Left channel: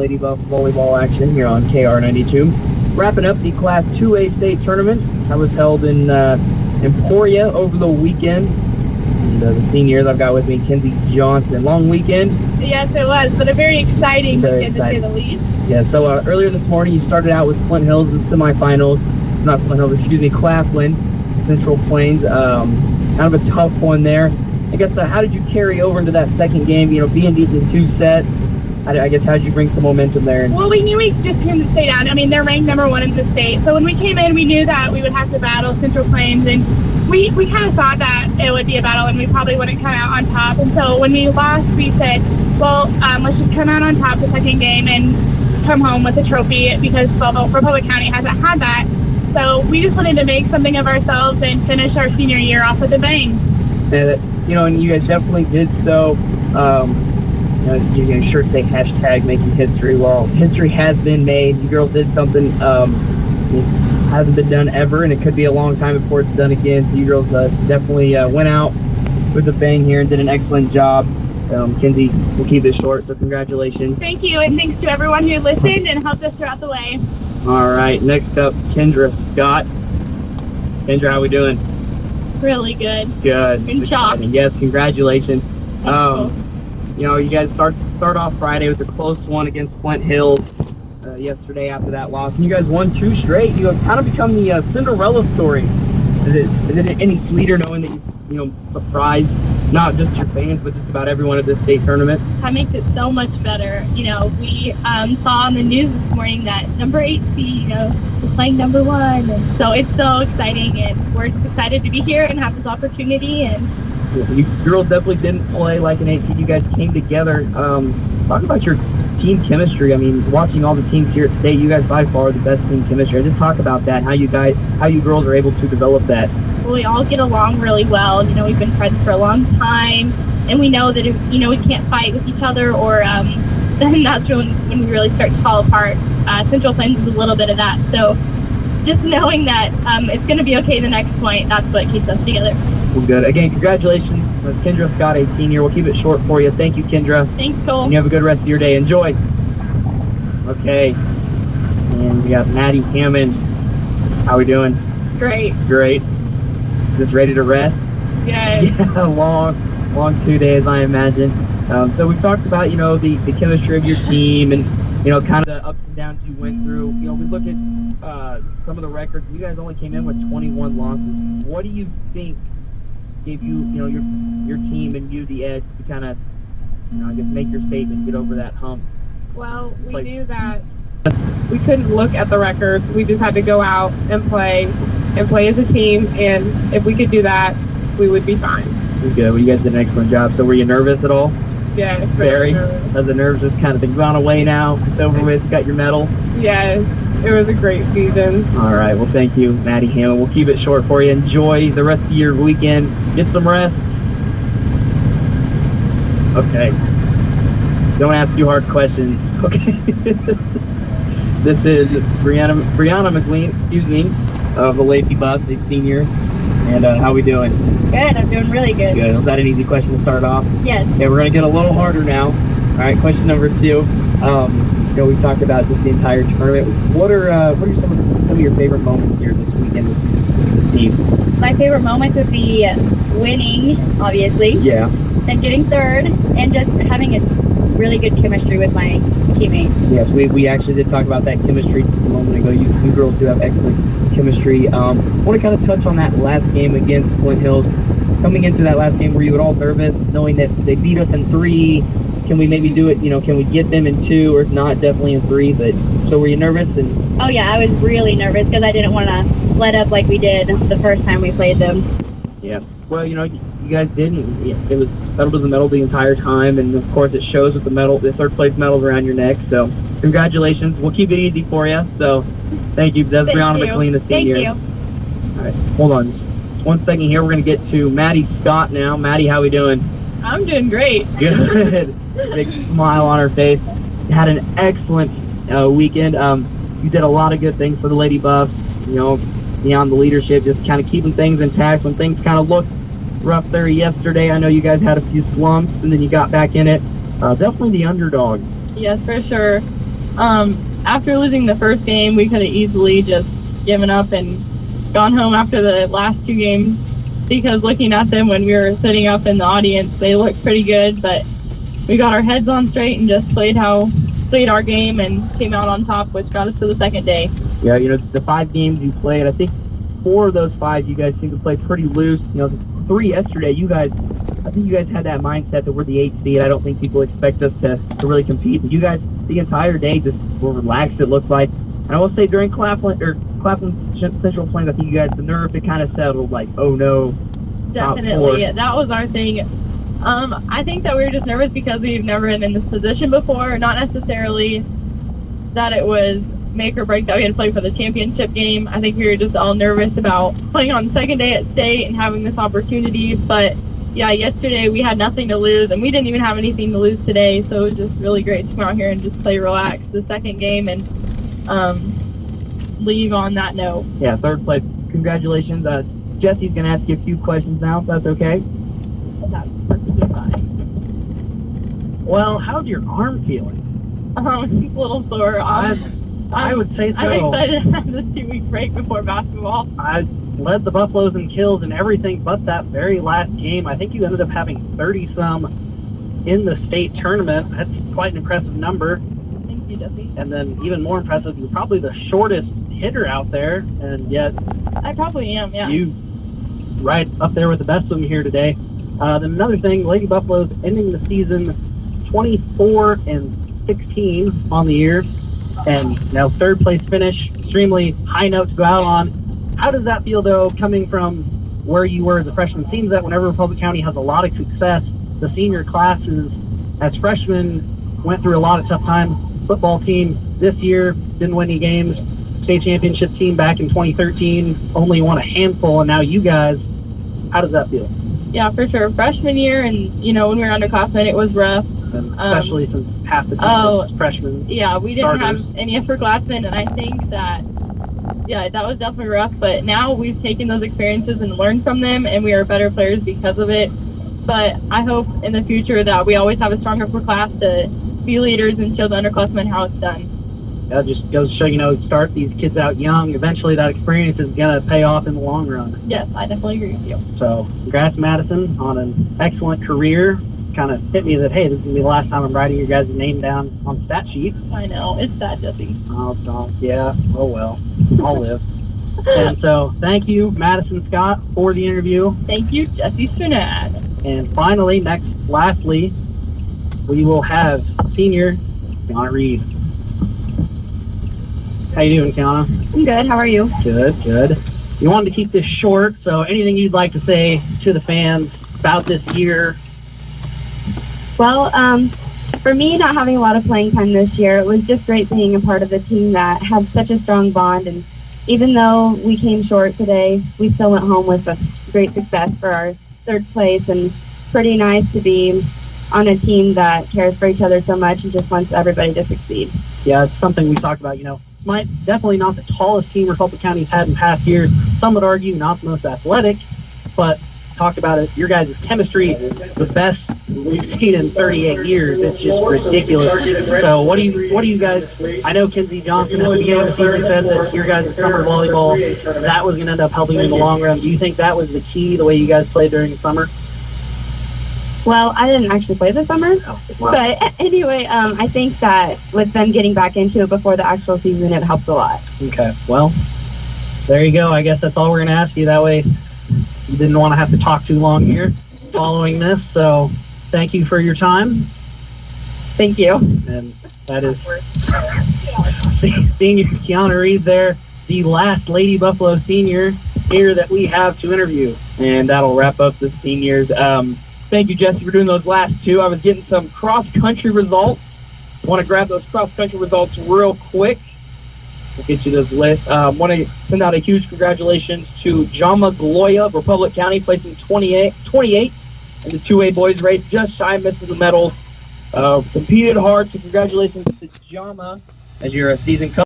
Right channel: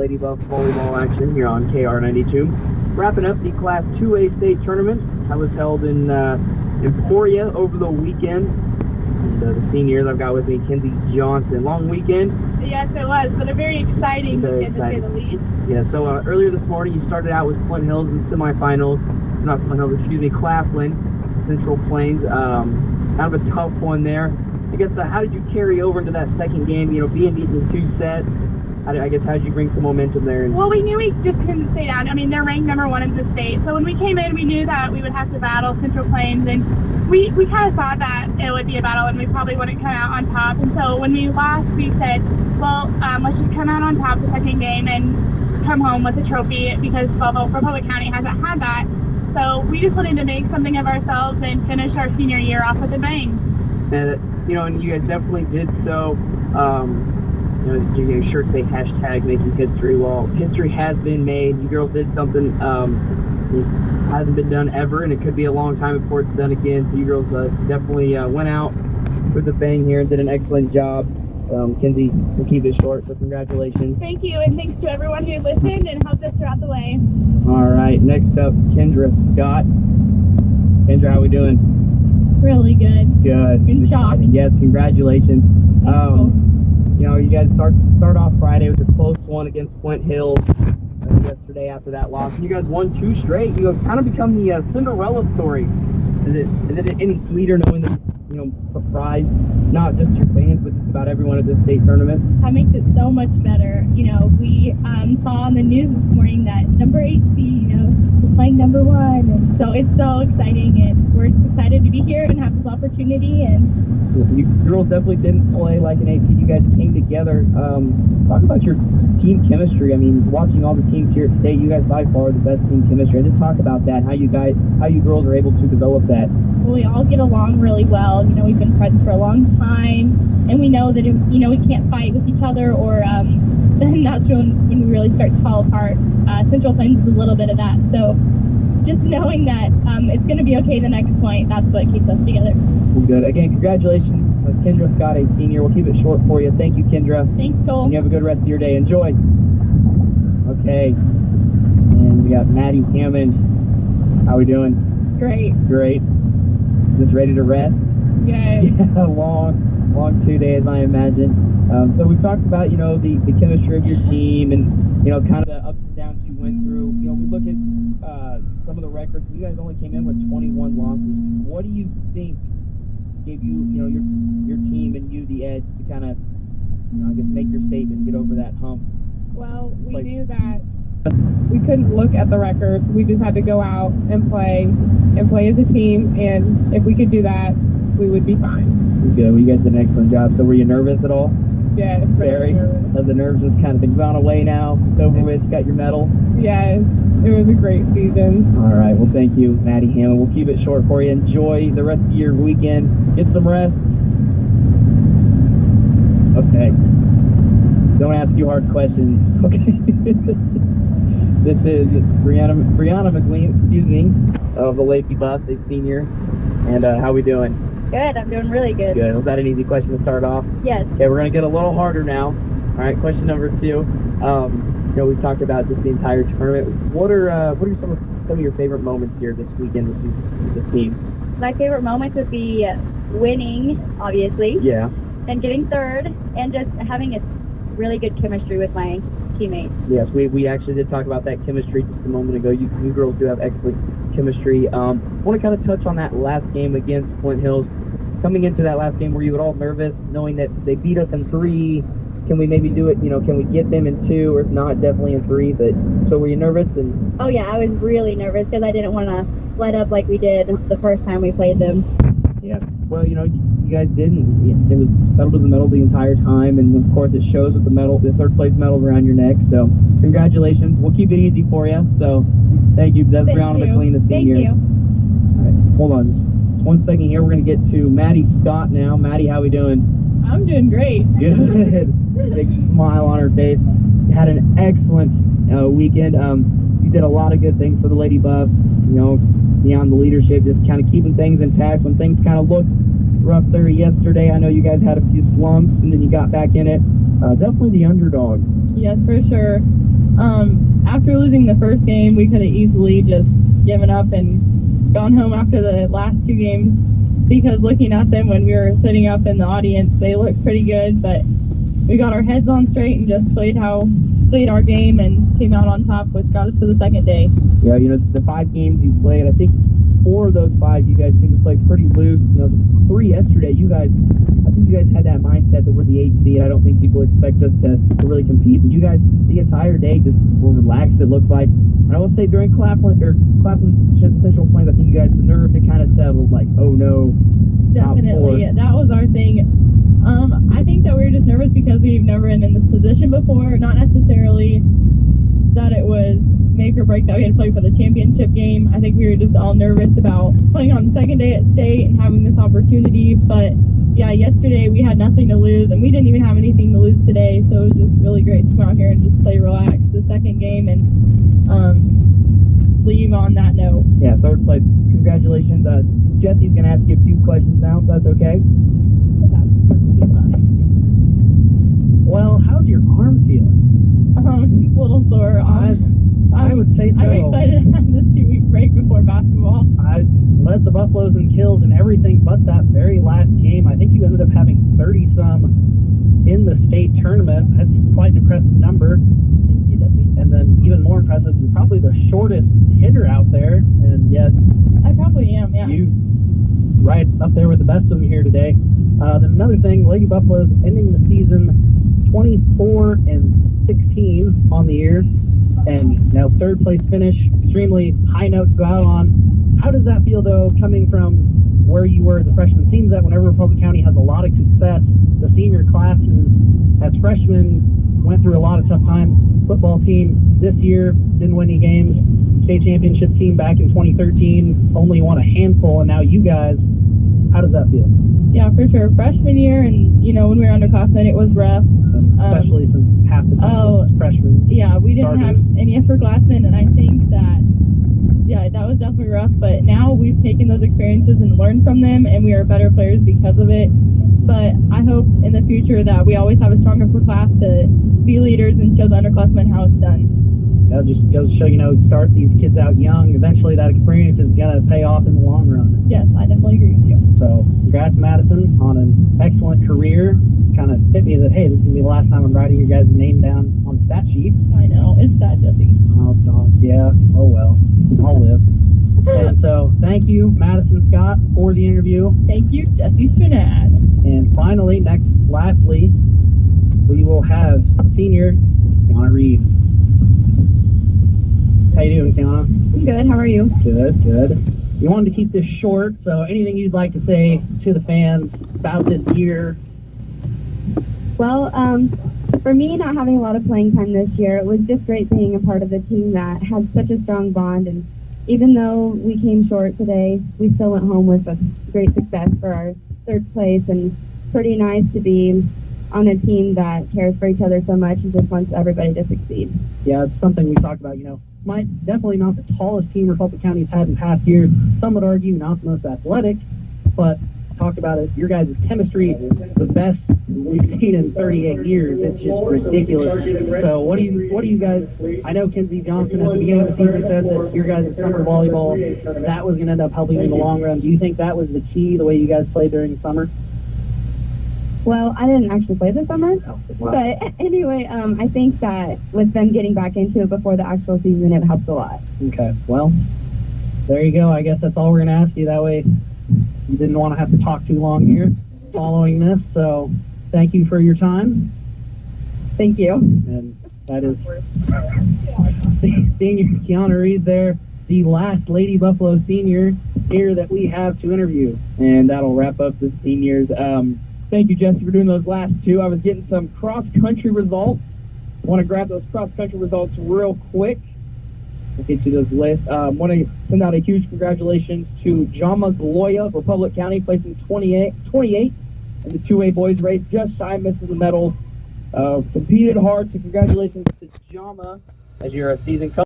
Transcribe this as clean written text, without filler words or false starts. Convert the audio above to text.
Lady Buff volleyball action here on KR92. Wrapping up the Class 2A state tournament that was held in Emporia over the weekend. And, the seniors I've got with me, Kenzie Johnson. Long weekend? Yes, it was, but a very exciting weekend to say the least. Yeah, so earlier this morning you started out with Flint Hills in the semifinals. Not Flint Hills, excuse me, Claflin, Central Plains. Kind of a tough one there. I guess, how did you carry over into that second game, being beaten in 2 sets? I guess, how did you bring some momentum there? Well, we knew we just couldn't stay down. I mean, they're ranked #1 in the state. So when we came in, we knew that we would have to battle Central Plains. And we kind of thought that it would be a battle and we probably wouldn't come out on top. And so when we lost, we said, well, let's just come out on top the second game and come home with a trophy, because Republic County hasn't had that. So we just wanted to make something of ourselves and finish our senior year off with a bang. And you guys definitely did so. You sure say hashtag making history. Well, history has been made. You girls did something it hasn't been done ever, and it could be a long time before it's done again. So you girls definitely went out with a bang here and did an excellent job. Kenzie, we'll keep it short, so congratulations. Thank you, and thanks to everyone who listened and helped us throughout the way. All right, next up, Kendra Scott. Kendra, how we doing? Really good. Good. In shock. Yes, congratulations. You guys start off Friday with a close one against Flint Hills yesterday after that loss. And you guys won 2 straight. You have kind of become the Cinderella story. Is it any sweeter knowing that you surprised not just your fans, but just about everyone at this state tournament? That makes it so much better. We saw on the news this morning that number 8 seed, is playing #1, and so it's so exciting, and we're just excited to be here and have this opportunity. And you girls definitely didn't play like an 8 seed. You guys came together. Talk about your team chemistry. I mean, watching all the teams here at state, you guys by far are the best team chemistry. Just talk about that, how you girls are able to develop that. Well, we all get along really well. We've been friends for a long time, and we know that if we can't fight with each other, or then that's when we really start to fall apart. Central Plains is a little bit of that. So just knowing that it's going to be okay the next point, that's what keeps us together. Well, good. Again, congratulations. Kendra Scott, a senior. We'll keep it short for you. Thank you, Kendra. Thanks, Cole. And you have a good rest of your day. Enjoy. Okay. And we got Maddie Hammond. How we doing? Great. Great. Just ready to rest? Yes. Yeah, long 2 days, I imagine. So we talked about, the chemistry of your team and, kind of the ups and downs you went through. We look at some of the records. You guys only came in with 21 losses. What do you think gave you, your team and you the edge to kind of, I guess make your statement, get over that hump? Well, we knew that we couldn't look at the records. We just had to go out and play as a team, and if we could do that, we would be fine. Good. Well, you guys did an excellent job. So were you nervous at all? Yes, very. nervous. Has the nerves just kind of been gone away now? It's over with. Got your medal? Yes, it was a great season. All right. Well, thank you, Maddie Hammond. We'll keep it short for you. Enjoy the rest of your weekend. Get some rest. Okay. Don't ask you hard questions. Okay. This is Brianna McLean, of the Lady Buff, a senior. And how we doing? Good. I'm doing really good. Good. Was that an easy question to start off? Yes. Okay, we're going to get a little harder now. All right, question number 2. We talked about just the entire tournament. What are some of your favorite moments here this weekend with the team? My favorite moment would be winning, obviously. Yeah. And getting third, and just having a really good chemistry with my teammates. Yes, we actually did talk about that chemistry just a moment ago. You girls do have excellent chemistry. I want to kind of touch on that last game against Flint Hills. Coming into that last game, were you at all nervous, knowing that they beat us in 3? Can we maybe do it, can we get them in 2, or if not, definitely in 3? But so were you nervous? Oh yeah, I was really nervous because I didn't want to let up like we did the first time we played them. Yeah. Well, you guys didn't. It was pedal to the metal the entire time, and of course it shows with the third place medals around your neck. So congratulations. We'll keep it easy for you. So thank you. That's Brianna McLean, the senior. Thank you. All right, hold on just 1 second here. We're going to get to Maddie Scott now. Maddie, how we doing? I'm doing great. Good. Big smile on her face. Had an excellent weekend. You did a lot of good things for the Lady Buffs, beyond the leadership, just kind of keeping things intact when things kind of looked rough there yesterday. I know you guys had a few slumps, and then you got back in it. Definitely the underdog. Yes, for sure. After losing the first game, we could have easily just given up and gone home after the last 2 games, because looking at them when we were sitting up in the audience, they looked pretty good, but we got our heads on straight and just played our game and came out on top, which got us to the second day. Yeah, the 5 games you played, I think 4 of those 5 you guys seem to play pretty loose. The 3 yesterday, I think you guys had that mindset that we're the 8th seed. I don't think people expect us to really compete. But you guys, the entire day, just were relaxed, it looked like. And I will say during Claflin Central Plains, I think you guys, the nerve, it kind of settled, like, oh no. Definitely. That was our thing. I think that we were just nervous because we've never been in this position before. Not necessarily that it was make or break that we had to play for the championship game. I think we were just all nervous about playing on the second day at state and having this opportunity. But yeah, yesterday we had nothing to lose, and we didn't even have anything to lose today. So it was just really great to come out here and just play relaxed the second game and leave on that note. Yeah, third place. Congratulations. Jesse's going to ask you a few questions now, if that's okay. That's perfectly fine. Well, how's your arm feeling? It's a little sore. I would say so. I'm excited to have this 2-week break before basketball. I led the Buffaloes in kills and everything but that very last game. I think you ended up having 30-some in the state tournament. That's quite an impressive number. Thank you, Jesse. And then even more impressive, you're probably the shortest hitter out there, and yet I probably am, yeah. You right up there with the best of them here today. Then another thing, Lady Buffaloes ending the season 24-16 on the year, and third place finish, extremely high note to go out on. How does that feel though, coming from where you were as a freshman? It seems that whenever Republic County has a lot of success, the senior classes as freshmen went through a lot of tough times. Football team this year didn't win any games. State championship team back in 2013 only won a handful, and now you guys, how does that feel? Yeah, for sure. Freshman year, and when we were underclassmen, it was rough. And especially since half the team was freshmen. Yeah, we didn't starters. have any upperclassmen, and I think that that was definitely rough. But now we've taken those experiences and learned from them, and we are better players because of it. But I hope in the future that we always have a strong upper class to be leaders and show the underclassmen how it's done. That just goes to show, start these kids out young. Eventually that experience is going to pay off in the long run. Yes, I definitely agree with you. So congrats, Madison, on an excellent career. Kind of hit me that, hey, this is going to be the last time I'm writing your guys' name down on the stat sheet. I know. It's sad, Jesse. Oh, yeah. Oh, well. I'll live. And so thank you, Madison Scott, for the interview. Thank you, Jesse Strenad. And finally, lastly, we will have senior Kiana Reed. How you doing, Kiana? I'm good. How are you? Good. You wanted to keep this short, so anything you'd like to say to the fans about this year? Well, for me, not having a lot of playing time this year, it was just great being a part of a team that had such a strong bond. And even though we came short today, we still went home with a great success for our third place. And pretty nice to be on a team that cares for each other so much and just wants everybody to succeed. Yeah, it's something we talked about, definitely not the tallest team Republic County's had in past years. Some would argue not the most athletic, but talked about it. Your guys' chemistry, the best we've seen in 38 years. It's just ridiculous. So what do you guys, I know Kinsey Johnson at the beginning of the season said that your guys' summer volleyball, that was going to end up helping in the long run. Do you think that was the key, the way you guys played during the summer? Well, I didn't actually play this summer, Wow. but anyway, I think that with them getting back into it before the actual season, it helped a lot. Okay, well, there you go. I guess that's all we're going to ask you. That way you didn't want to have to talk too long here following this. So thank you for your time. Thank you. And that is senior Kiana Reed there, the last Lady Buffalo senior here that we have to interview. And that'll wrap up the seniors. Thank you, Jesse, for doing those last two. I was getting some cross-country results. I want to grab those cross-country results real quick. We'll get you those lists. I want to send out a huge congratulations to Jama Gloria of Republic County, placing 28 in the 2A boys race, just shy of missing the medal. Competed hard, so congratulations to Jama as your season coach.